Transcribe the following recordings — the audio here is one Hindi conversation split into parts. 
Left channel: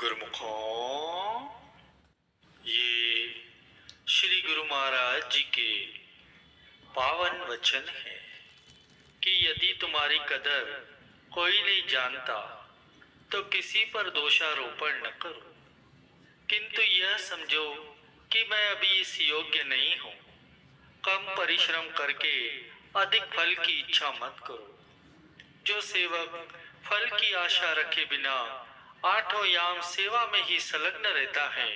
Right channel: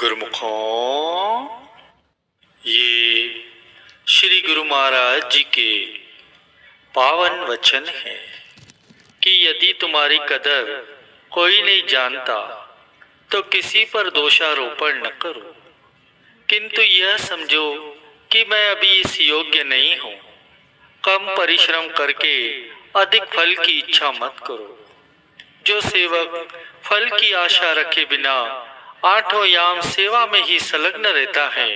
गुरुमुखों, ये श्री गुरु महाराज जी के पावन वचन है कि यदि तुम्हारी कदर कोई नहीं जानता तो किसी पर दोषारोपण न करो, किंतु यह समझो कि मैं अभी इस योग्य नहीं हूँ। कम परिश्रम करके अधिक फल की इच्छा मत करो। जो सेवक फल की आशा रखे बिना आठों याम सेवा में ही संलग्न रहता है,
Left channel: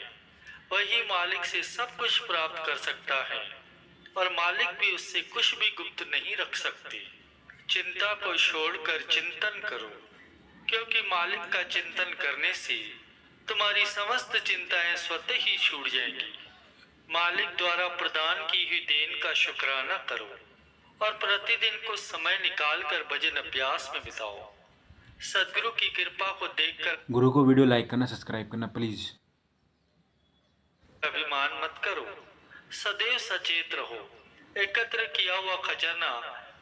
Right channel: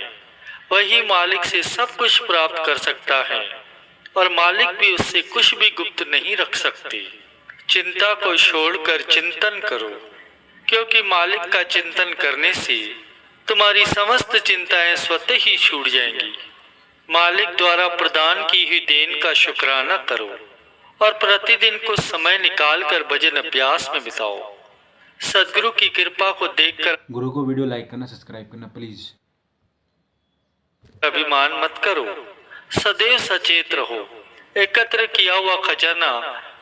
वही मालिक से सब कुछ प्राप्त कर सकता है और मालिक भी उससे कुछ भी गुप्त नहीं रख सकते। चिंता को छोड़कर चिंतन करो, क्योंकि मालिक का चिंतन करने से तुम्हारी समस्त चिंताएं स्वतः ही छूट जाएंगी। मालिक द्वारा प्रदान की हुई देन का शुक्राना करो और प्रतिदिन कुछ समय निकालकर भजन अभ्यास में बिताओ। सदगुरु की कृपा को देखकर गुरु को वीडियो लाइक करना, सब्सक्राइब करना प्लीज। अभिमान मत करो, सदैव सचेत रहो। एकत्र किया हुआ खजाना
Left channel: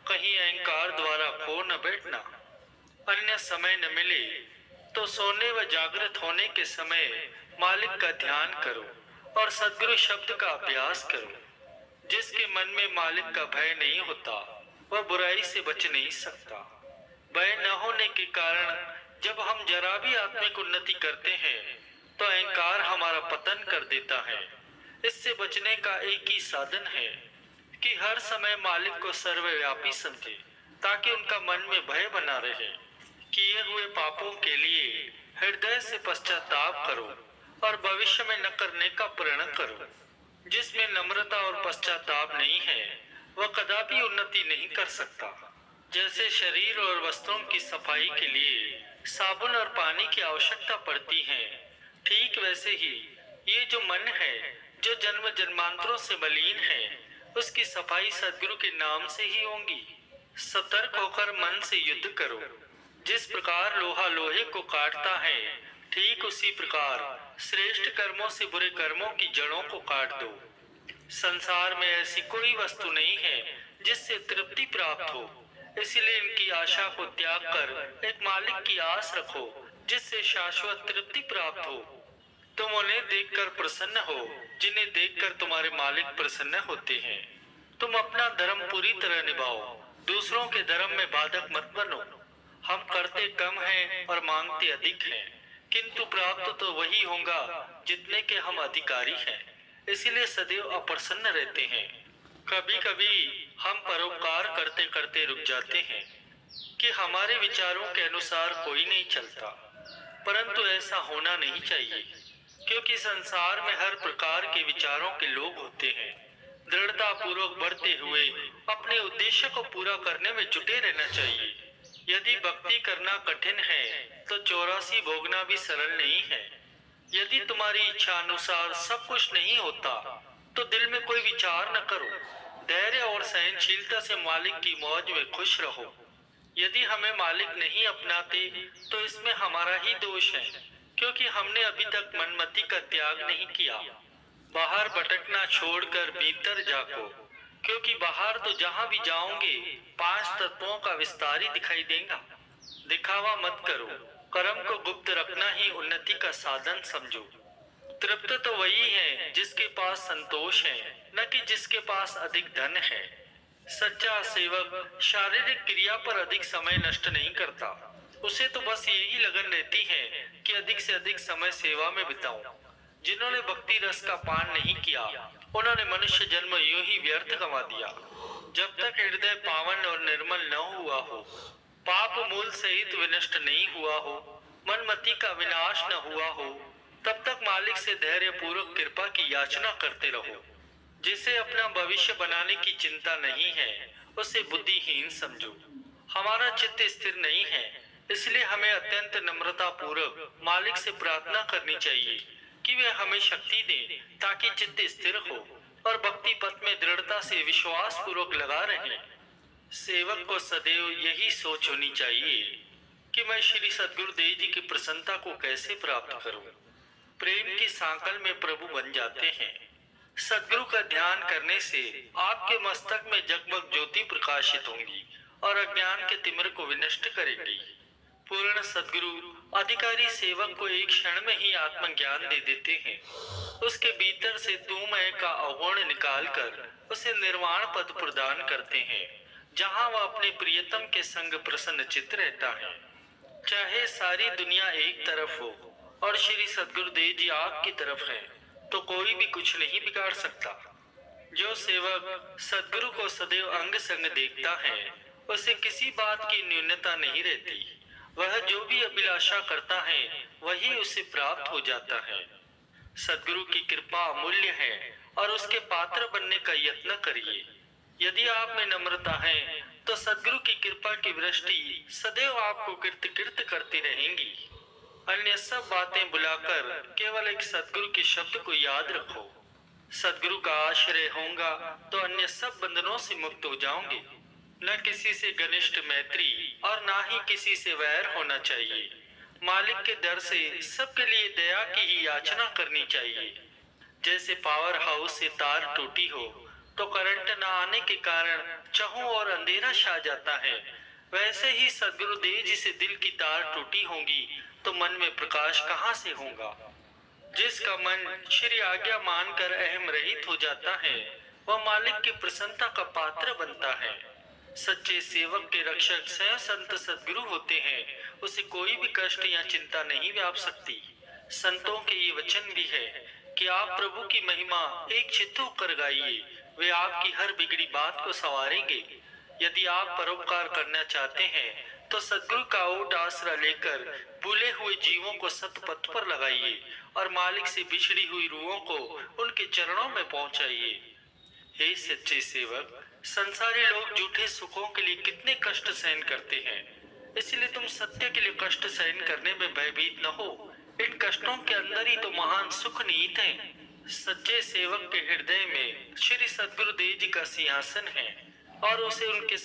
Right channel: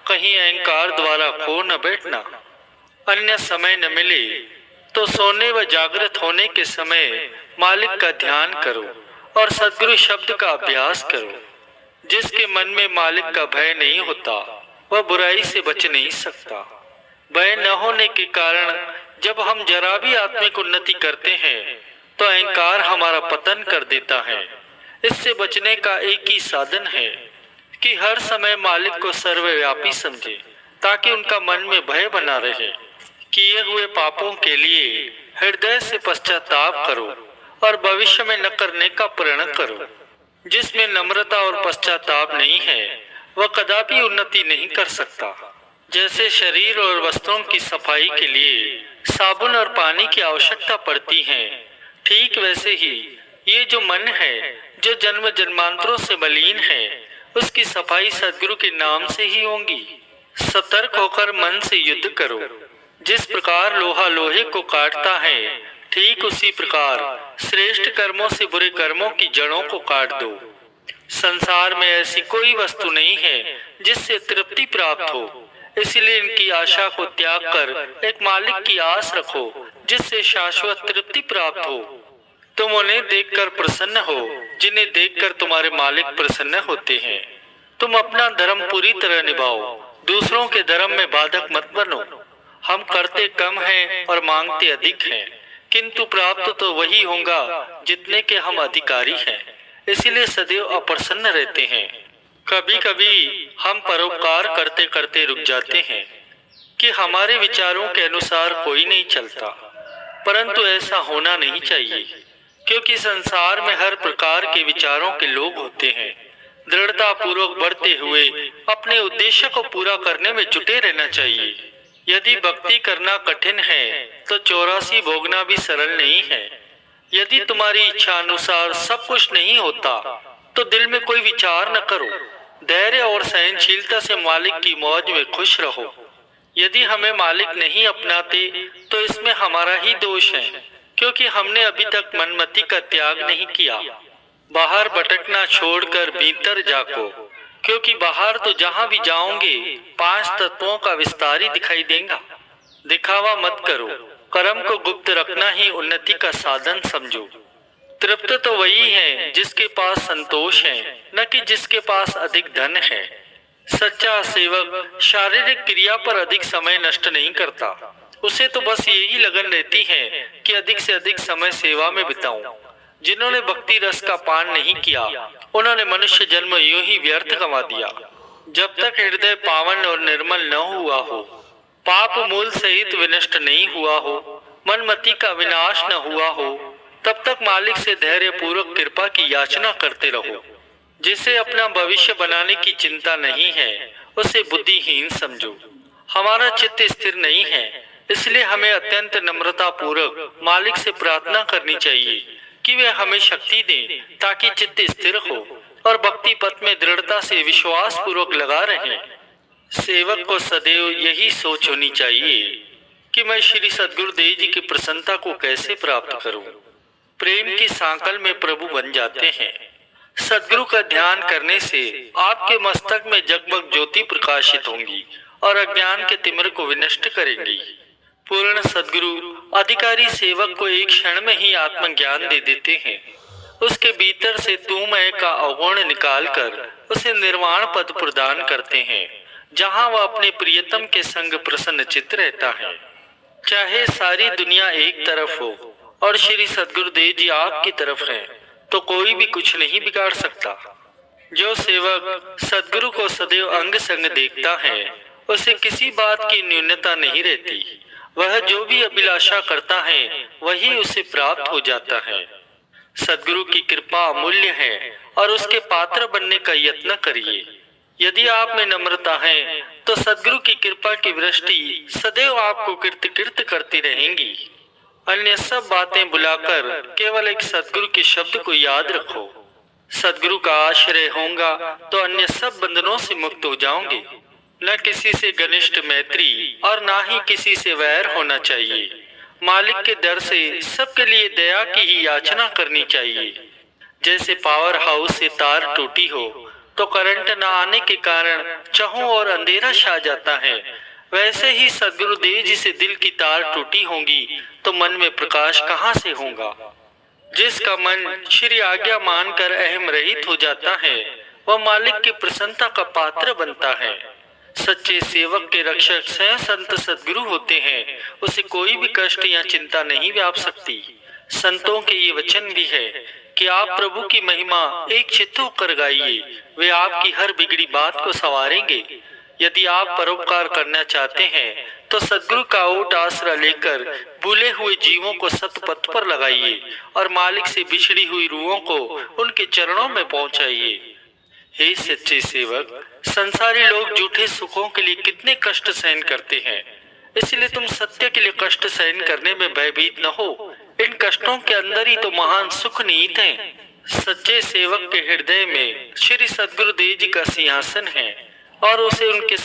कहीं अहंकार द्वारा खो न बैठना। अन्य समय न मिले तो सोने व जागृत होने के समय मालिक का ध्यान करो और सदगुरु शब्द का अभ्यास करो। जिसके मन में मालिक का भय नहीं होता वह बुराई से बच नहीं सकता। भय न होने के कारण जब हम जरा भी आत्मिक उन्नति करते हैं तो अहंकार हमारा पतन कर देता है। इससे बचने का एक ही साधन है कि हर समय मालिक को सर्वव्यापी समझे, ताकि उनका मन में भय बना रहे। किए हुए पापों के लिए हृदय से पश्चाताप करो और भविष्य में न करने का प्रण करो। जिसमें नम्रता और पश्चाताप नहीं है वह कदापि उन्नति नहीं कर सकता। जैसे शरीर और वस्त्रों की सफाई के लिए साबुन और पानी की आवश्यकता पड़ती है, ठीक वैसे ही ये जो मन है, जो जन्म जन्मांतरों से मलिन है, उसकी सफाई सदगुरु के नाम से ही होगी। सतर्क होकर मन से युद्ध करो। जिस प्रकार लोहा लोहे को काटता है, ठीक उसी प्रकार श्रेष्ठ कर्मों से बुरे कर्मों की जड़ों को काट दो। संसार में ऐसी कोई वस्तु नहीं है जिससे तृप्ति प्राप्त हो, इसलिए इनकी आशा को त्याग कर एक मालिक की आस रखो जिससे शाश्वत तृप्ति प्राप्त हो। तुम उन्हें देखकर प्रसन्न हो जिन्हें देखकर तुम्हारे मालिक प्रसन्न होते हैं। तुम अपना धर्म पूरी तरह निभाओ, दूसरों के धर्म में बाधक मत बनो। हम करते कम हैं और मांगते अधिक हैं, किंतु प्राप्त तो वही होगा जितने के हम अधिकारी हैं। इसीलिए सदैव अप्रसन्न रहते हैं। कभी कभी हम परोपकार करते करते रुक जाते हैं कि हमारे विचारों के अनुसार कोई नहीं चलता, परंतु ऐसा होना नहीं चाहिए, क्योंकि संसार में हर प्रकार के विचारों के लोग होते हैं। दृढ़ता पूर्वक बढ़ते हुए अपने उद्देश्य को पूरा करने में जुटे रहना चाहिए। यदि भक्ति करना कठिन है तो 84 भोगना भी सरल नहीं है। यदि तुम्हारी इच्छा अनुसार सब कुछ नहीं होता तो दिल में कोई विचार न करो। धैर्य और सहनशीलता से मालिक की मौज में खुश रहो। यदि हमें मालिक नहीं अपनाते तो इसमें हमारा ही दोष है, क्योंकि हमने अभी तक मनमति का त्याग नहीं किया। बाहर भटकना छोड़कर भीतर जाको, क्योंकि बाहर तो जहाँ भी जाओगे 5 तत्वों का विस्तार ही दिखाई देगा। दिखावा मत करो, कर्म को गुप्त रखना ही उन्नति का साधन समझो। तृप्त तो वही है जिसके पास संतोष है, न कि जिसके पास अधिक धन है। सच्चा सेवक शारीरिक क्रिया पर अधिक समय नष्ट नहीं करता। उसे तो बस यही लगन रहती है कि अधिक से अधिक समय सेवा में बिताऊं। जिन्होंने भक्ति रस का पान नहीं किया उन्होंने मनुष्य जन्म यूं ही व्यर्थ गंवा दिया। जब तक हृदय पावन और निर्मल न हुआ हो, पाप मूल सहित विनष्ट नहीं हुआ हो, मनमति का विनाश न हुआ हो, तब तक मालिक से धैर्य पूर्वक कृपा की याचना करते रहो। जिसे अपना भविष्य बनाने की चिंता नहीं है उसे बुद्धिहीन समझो। हमारा चित्त स्थिर नहीं है, इसलिए हमें अत्यंत नम्रता पूर्वक मालिक से प्रार्थना करनी चाहिए कि वे हमें शक्ति दें ताकि चित्त स्थिर हो और भक्ति पथ में दृढ़ता से विश्वास पूर्वक लगा रहें। सेवक को सदैव यही सोच होनी चाहिए कि मैं श्री सदगुरुदेव जी की प्रसन्नता को कैसे प्राप्त करूं। प्रेम की सांकल में प्रभु बन जाते हैं। सदगुरु का ध्यान करने से आपके मस्तक में जगमग ज्योति प्रकाशित होंगी और अज्ञान के तिमिर को विनष्ट करेंगी। पूर्ण सद्गुरु अधिकारी सेवक को एक क्षण में ही आत्मज्ञान दे देते हैं। उसके भीतर से तू मैं का अवगुण निकालकर उसे निर्वाण पद प्रदान करते हैं, जहां वह अपने प्रियतम के संग प्रसन्न चित्त रहता है। चाहे सारी दुनिया एक तरफ हो और श्री सद्गुरुदेव जी आपकी तरफ है, तो कोई भी कुछ नहीं बिगाड़ सकता। जो सेवक सद्गुरु को सदैव अंग संग देखता है, उसे किसी बात की न्यूनता नहीं रहती। वह जो भी अभिलाषा करता है वही उसे प्राप्त हो जाता है। सद्गुरु की कृपा अमूल्य है और उसके पात्र बनने का यत्न करिए। यदि आप में नम्रता है तो सद्गुरु की कृपा की वृष्टि सदैव आपको कीर्त करती रहेंगी। अन्य सब बातें बुलाकर केवल एक सद्गुरु के शब्द को याद रखो। सद्गुरु का आश्रय होगा तो अन्य सब बंधनों से मुक्त हो जाओगे। न किसी से घनिष्ठ मैत्री और ना ही किसी से वैर होना चाहिए। मालिक के दर से सबके लिए दया की ही याचना करनी चाहिए। जैसे पावर हाउस से तार टूटी हो तो करंट न आने के कारण चाहों और अंधेरा छा जाता है, वैसे ही सद्गुरुदेव जी से दिल की तार टूटी होगी तो मन में प्रकाश कहाँ से होगा। जिसका मन श्री आज्ञा मानकर अहम रहित हो जाता है, वह मालिक की प्रसन्नता का पात्र बनता है। सच्चे सेवक के रक्षक स्वयं संत सद्गुरु होते हैं, उसे कोई भी कष्ट या चिंता नहीं व्याप सकती। संतों के ये वचन भी है कि आप प्रभु की महिमा एक चित्त होकर गाइए, वे आपकी हर बिगड़ी बात को संवारेंगे। यदि आप परोपकार करना चाहते हैं तो सद्गुरु का ओट आसरा लेकर भूले हुए जीवों को सतपथ पर लगाइए और मालिक से बिछड़ी हुई रूहों को उनके चरणों में पहुंचाइए। हे सच्चे सेवक, संसारी लोग झूठे सुखों के लिए कितने कष्ट सहन करते हैं, इसलिए तुम सत्य के लिए कष्ट सहन करने में भयभीत न हो। इन कष्टों के अंदर ही तो महान सुख निहित है। सच्चे सेवक के हृदय में श्री सद्गुरुदेव जी का सिंहासन है और उसे उनके